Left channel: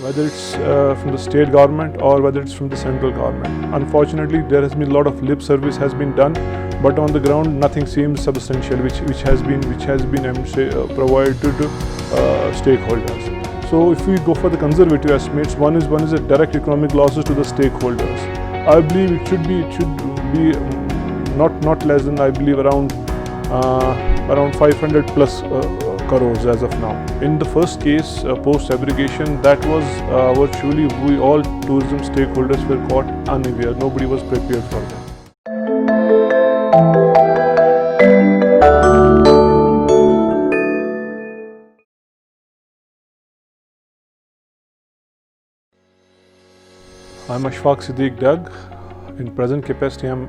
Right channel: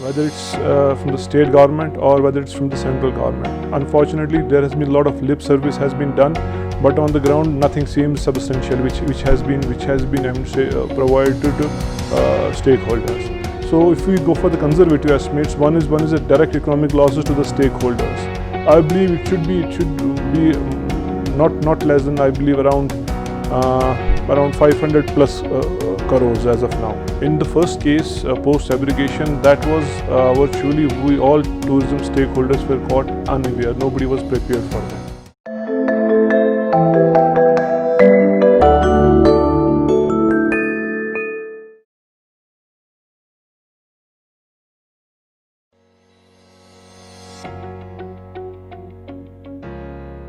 whether it's from the state government or whether it's from the central government. Unfortunately, there has been a lot of lip service has been done, but on the ground nothing seems substantial, which has been I would say, provided to stakeholders. So if we go for the conservative estimates, one is a direct economic losses to the stakeholders. I believe it should be not less than, I believe, around 500 plus crores as of now. In the first case, post abrogation, that was virtually we all tourism stakeholders were caught unaware. Nobody was prepared for that. I'm Ashfaq Siddiq Dag. In present capacity, I'm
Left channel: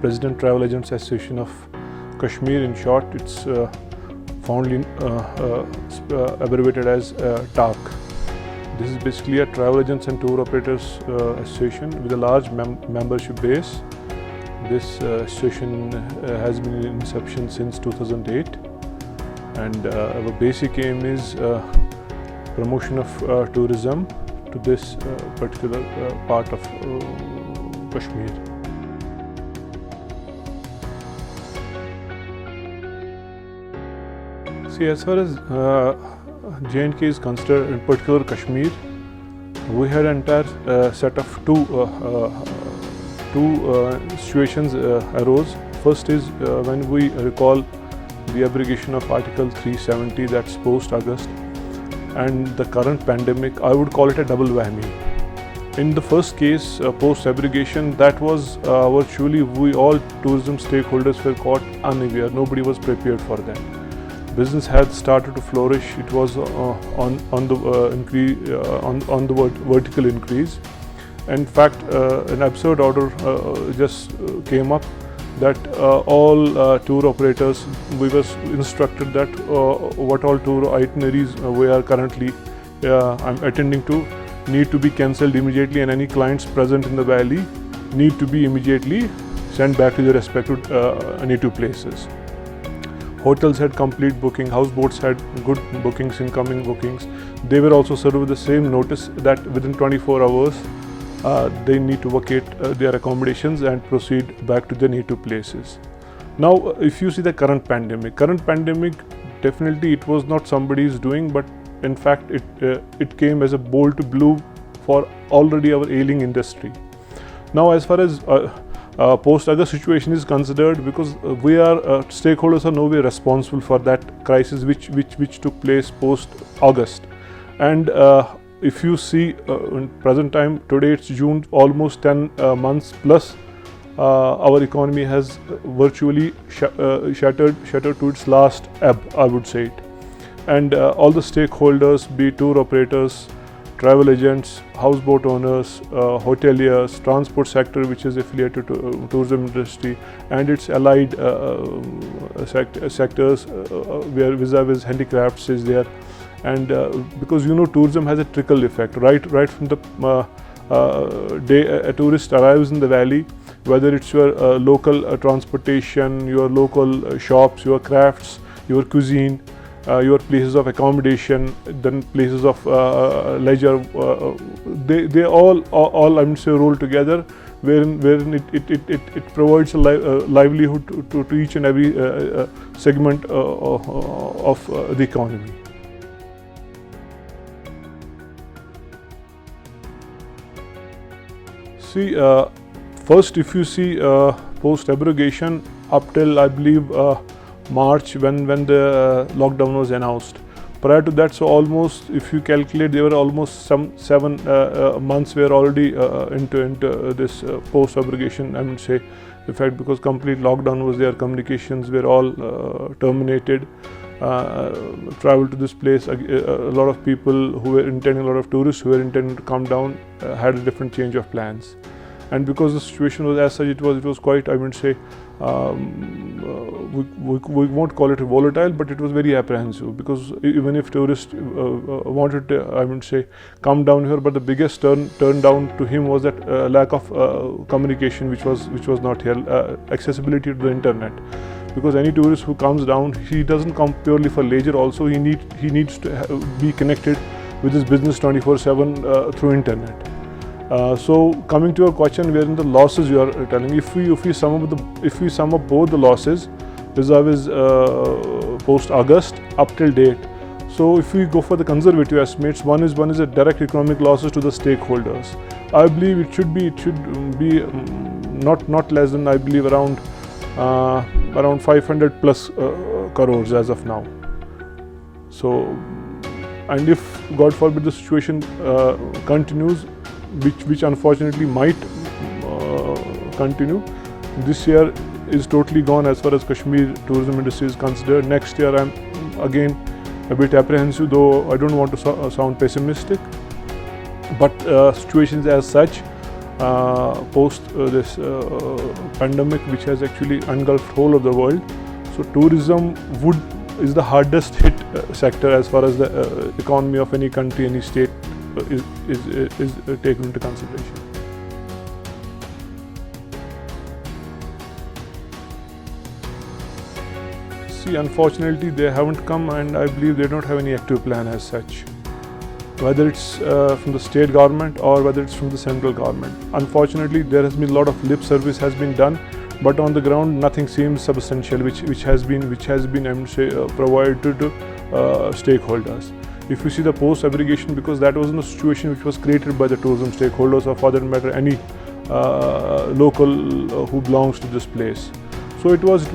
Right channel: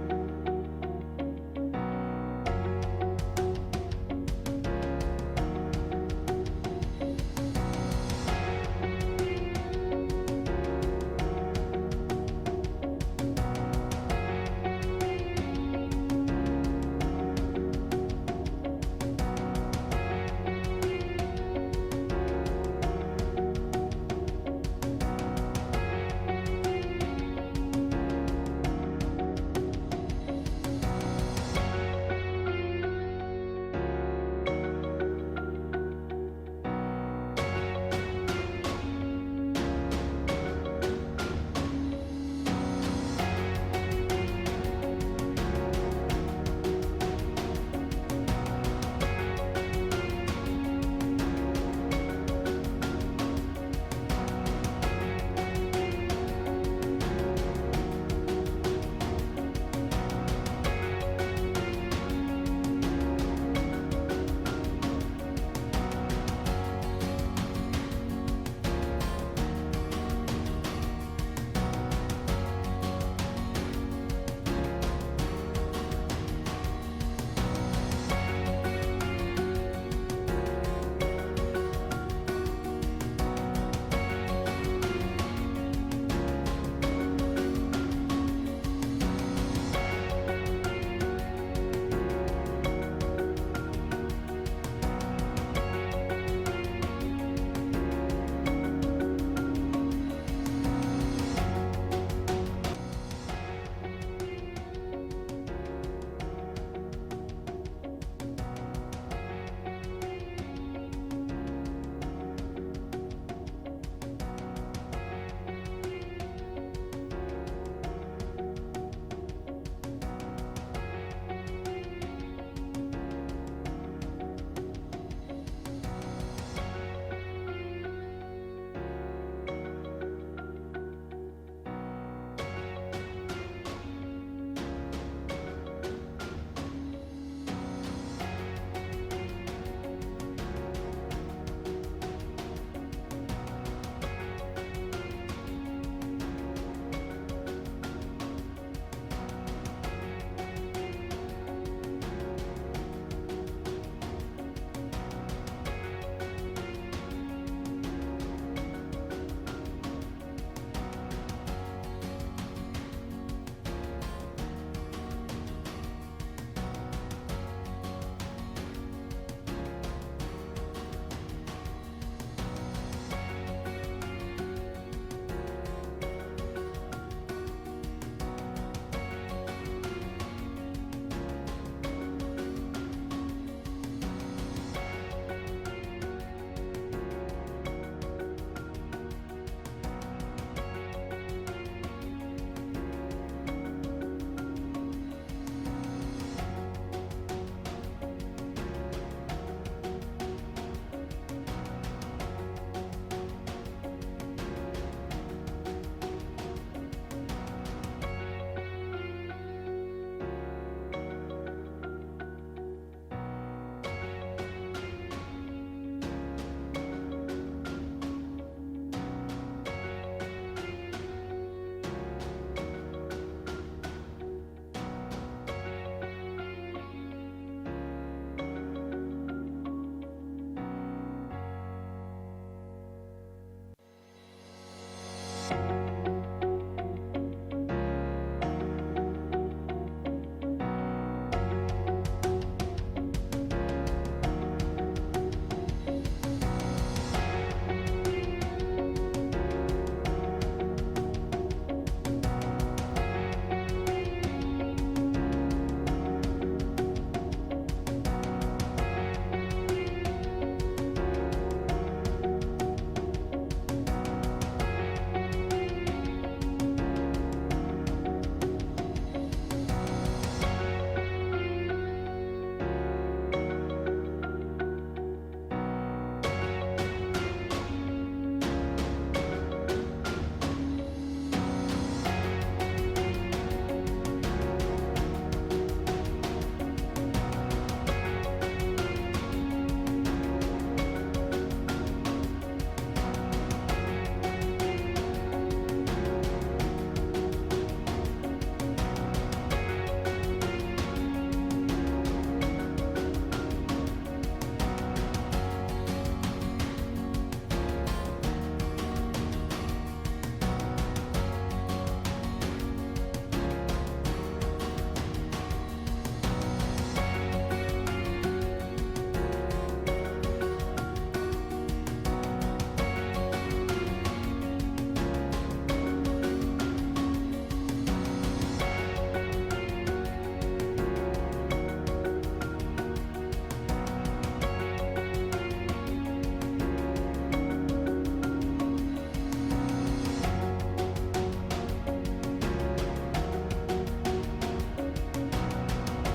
President Travel Agents Association of Kashmir. In short, it's fondly abbreviated as TARC. This is basically a travel agents and tour operators association with a large membership base. This association has been in inception since 2008, and our basic aim is promotion of tourism to this particular part of Kashmir. See, as far as J&K is concerned, in particular Kashmir, we had an entire set of two situations arose. First is when we recall the abrogation of Article 370, that's post-August, and the current pandemic. I would call it a double whammy. In the first case, post-abrogation, that was virtually we all tourism stakeholders were caught unaware. Nobody was prepared for that. Business had started to flourish. It was on the vertical increase. In fact, an absurd order just came up that all tour operators, we were instructed that what all tour itineraries we are currently attending to need to be cancelled immediately, and any clients present in the valley need to be immediately sent back to their respective native places. Hotels had complete booking, houseboats had good bookings, incoming bookings. They were also served with the same notice that within 24 hours they need to vacate their accommodations and proceed back to their native places. Now, if you see the current pandemic, definitely it was not somebody's doing, but in fact it came as a bolt to blue for already our ailing industry. Now, as far as post-August situation is considered, because we are stakeholders are nowhere responsible for that crisis which took place post-August, and if you see in present time, today it's June, almost 10 months plus, our economy has virtually shattered to its last ebb, I would say it. And all the stakeholders, be it tour operators, travel agents, houseboat owners, hoteliers, transport sector, which is affiliated to tourism industry, and its allied sectors where vis-a-vis handicrafts is there. And because tourism has a trickle effect, right from the day a tourist arrives in the valley, whether it's your local transportation, your local shops, your crafts, your cuisine, your places of accommodation, then places of leisure, they all I would say roll together, wherein it provides a livelihood to each and every segment of the economy. See, first, if you see post-abrogation up till I believe March, when the lockdown was announced. Prior to that, so almost, if you calculate, there were almost some 7 months were already into this post-abrogation, I would say, effect, because complete lockdown was there. Communications were all terminated. Travel to this place, a lot of people who were intending, a lot of tourists who were intending to come down had a different change of plans. And because the situation was as such, it was quite, I would say, we won't call it volatile, but it was very apprehensive, because even if tourists wanted to, I would say, come down here, but the biggest turn down to him was that lack of communication, which was not here, accessibility to the internet. Because any tourist who comes down, he doesn't come purely for leisure. Also, he needs to be connected with his business 24/7 through internet. So coming to your question, wherein the losses you are telling, if we sum up both the losses vis-a-vis post August up till date, so if we go for the conservative estimates, one is a direct economic losses to the stakeholders. I believe it should be not less than, I believe, around 500 plus crores as of now. So, and if God forbid the situation continues, which unfortunately might continue, this year is totally gone as far as Kashmir tourism industry is considered. Next year I'm again a bit apprehensive, though I don't want to sound pessimistic, but situations as such post this pandemic, which has actually engulfed whole of the world, so tourism is the hardest hit sector as far as the economy of any country, any state is taken into consideration. See, unfortunately they haven't come, and I believe they don't have any active plan as such, whether it's from the state government or whether it's from the central government. Unfortunately, there has been a lot of lip service has been done, but on the ground nothing seems substantial which has been I would say provided to stakeholders. If you see the post abrogation, because that was a situation which was created by the tourism stakeholders, or for that matter any local who belongs to this place. So it was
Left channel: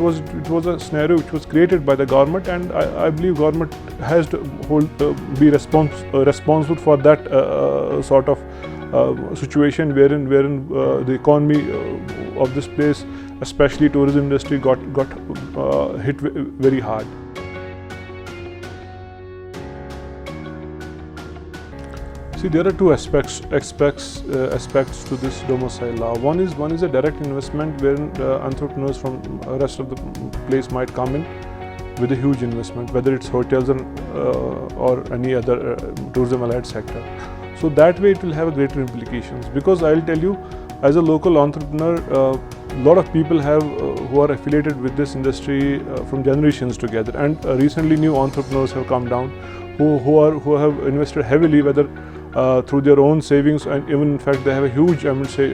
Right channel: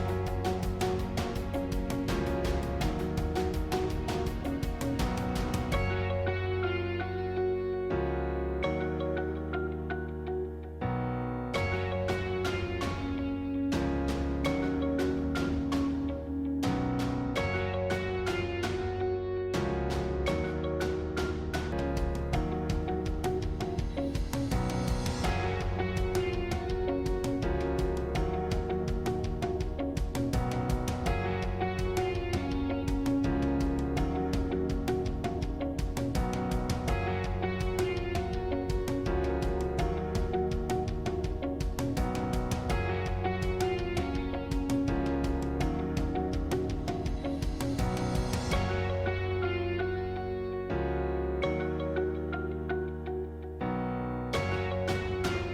a scenario which was created by the government, and I believe government has to be responsible for that sort of situation wherein the economy of this place, especially tourism industry, got hit very hard. See, there are two aspects to this domicile law. One is a direct investment wherein entrepreneurs from the rest of the place might come in with a huge investment, whether it's hotels or any other tourism allied sector. So that way it will have greater implications, because I'll tell you, as a local entrepreneur, a lot of people who are affiliated with this industry from generations together, and recently new entrepreneurs have come down who have invested heavily, whether through their own savings, and even in fact they have a huge, I would say,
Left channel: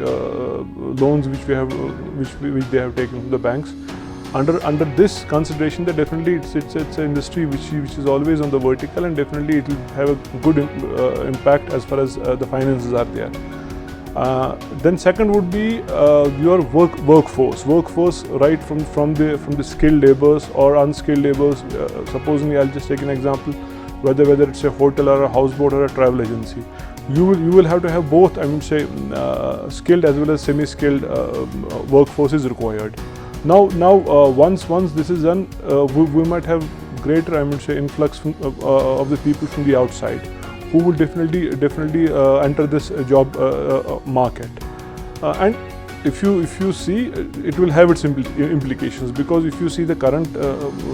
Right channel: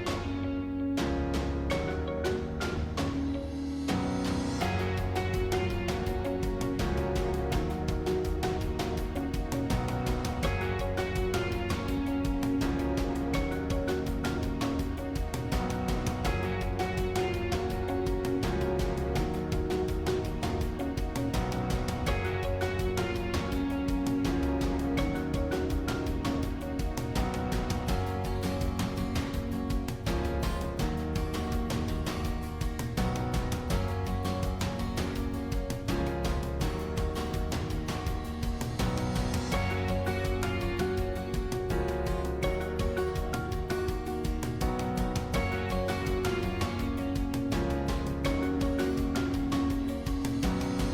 loans which they have taken from the banks. Under this consideration, that definitely it's an industry which is always on the vertical, and definitely it will have a good impact as far as the finances are there. Then second would be your workforce, right from the skilled laborers or unskilled laborers. Supposing I'll just take an example, whether it's a hotel or a houseboat or a travel agency, you will have to have both, I would say, skilled as well as semi-skilled workforce is required. Now once this is done, we might have greater, I would say, influx of the people from the outside, who will definitely enter this job market. And if you see, it will have its implications, because if you see the current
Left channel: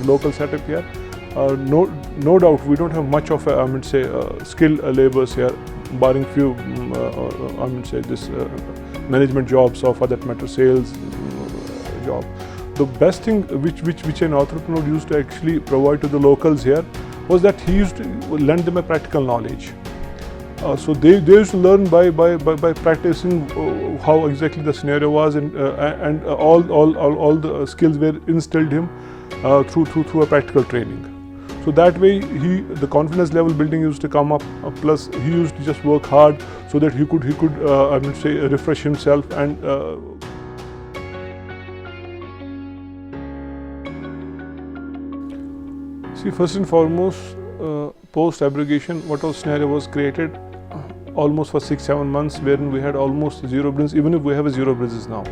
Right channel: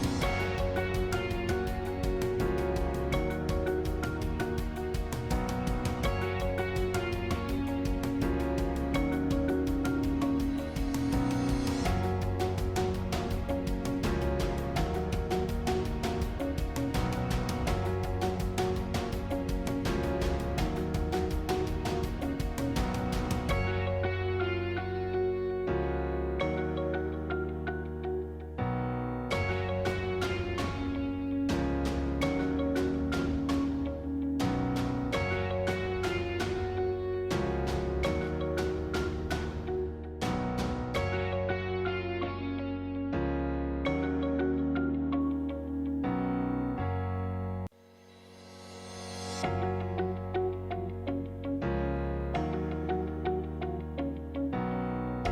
local setup here, no doubt we don't have much of I would say skilled laborers here, barring few I would say this management jobs, or for that matter sales job. The best thing which an entrepreneur used to actually provide to the locals here was that he used to lend them a practical knowledge. So they used to learn by practicing how exactly the scenario was, and all the skills were instilled him through a practical training. So that way the confidence level building used to come up. Plus he used to just work hard so that he could I would say refresh himself and. See, first and foremost, post abrogation, what was scenario was created almost for 6-7 months, wherein we had almost zero bridges, even if we have a zero bridges now.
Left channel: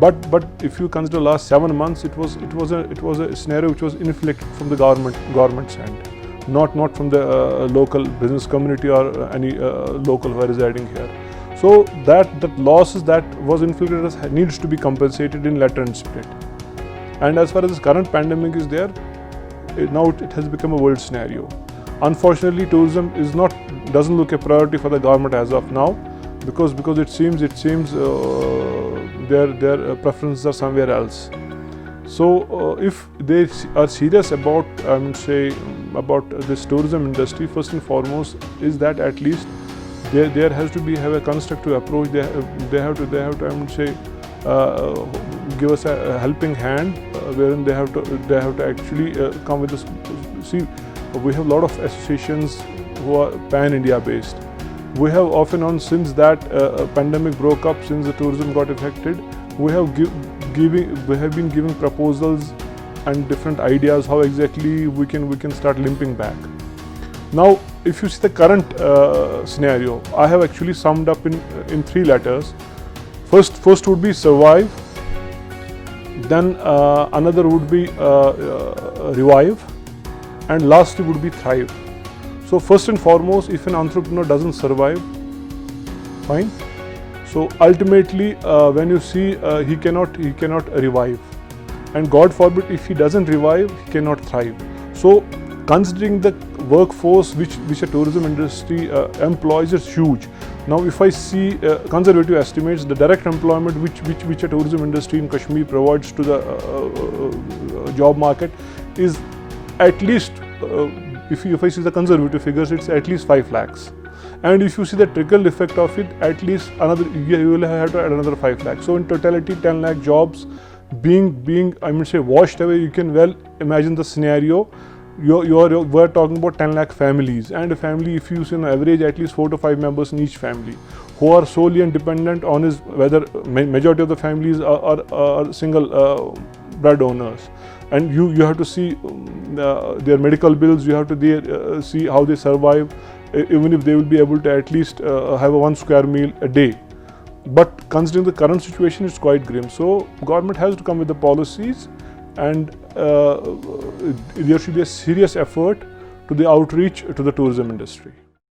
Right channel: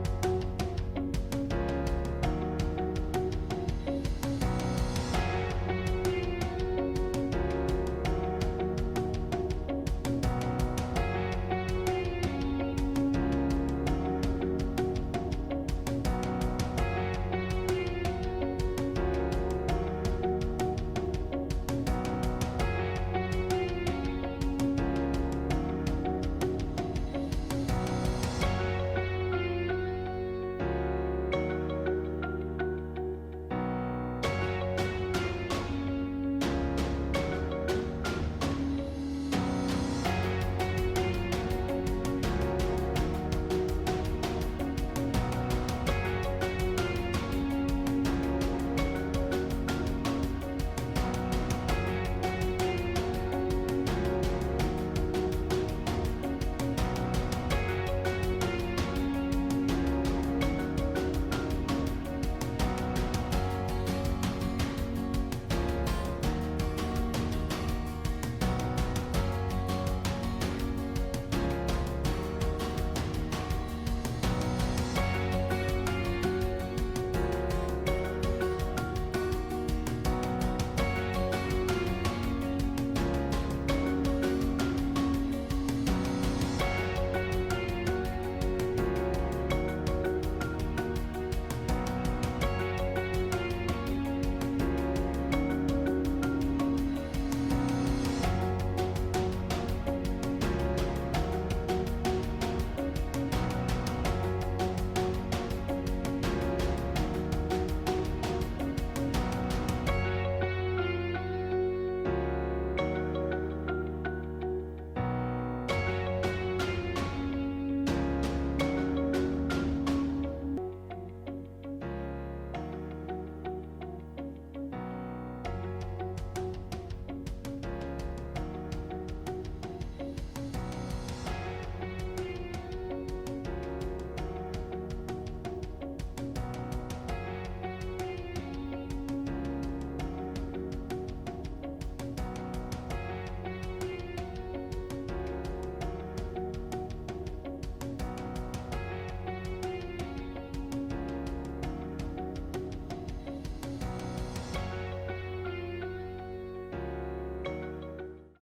But if you consider last 7 months, it was a scenario which was inflicted from the government's end, not from the local business community or any local who are residing here. So that losses that was inflicted needs to be compensated in letter and spirit. And as far as this current pandemic is there, now it has become a world scenario. Unfortunately, tourism doesn't look a priority for the government as of now, because it seems their preferences are somewhere else. So if they are serious about, I would say, about this tourism industry, first and foremost, is that at least there has to be have a constructive approach. They have to I would say give us a helping hand, wherein they have to actually come with this. See, we have a lot of associations who are pan-India based. We have off and on, since that pandemic broke up, since the tourism got affected, we have been giving proposals and different ideas how exactly we can start limping back. Now, if you see the current scenario, I have actually summed up in 3 letters. First would be survive, then another would be revive, and lastly would be thrive. So first and foremost, if an entrepreneur doesn't survive, fine. So ultimately, when you see he cannot revive, and God forbid if he doesn't revive, he cannot thrive. So considering the workforce which a tourism industry employs is huge. Now, if I see conservative estimates, the direct employment which a tourism industry in Kashmir provides to the job market is at least, if I see the conservative figures, it's at least 5 lakhs. And if you see the trickle effect of it, at least you will have to add another 5 lakhs. So in totality, 10 lakh jobs being I mean say washed away. You can well imagine the scenario. We're talking about 10 lakh families, and a family, if you see on average at least 4 to 5 members in each family, who are solely and dependent on his, whether majority of the families are single bread owners, and you have to see their medical bills. You have to see how they survive, even if they will be able to at least have a 1 square meal a day. But considering the current situation, it's quite grim. So government has to come with the policies, and there should be a serious effort to the outreach to the tourism industry.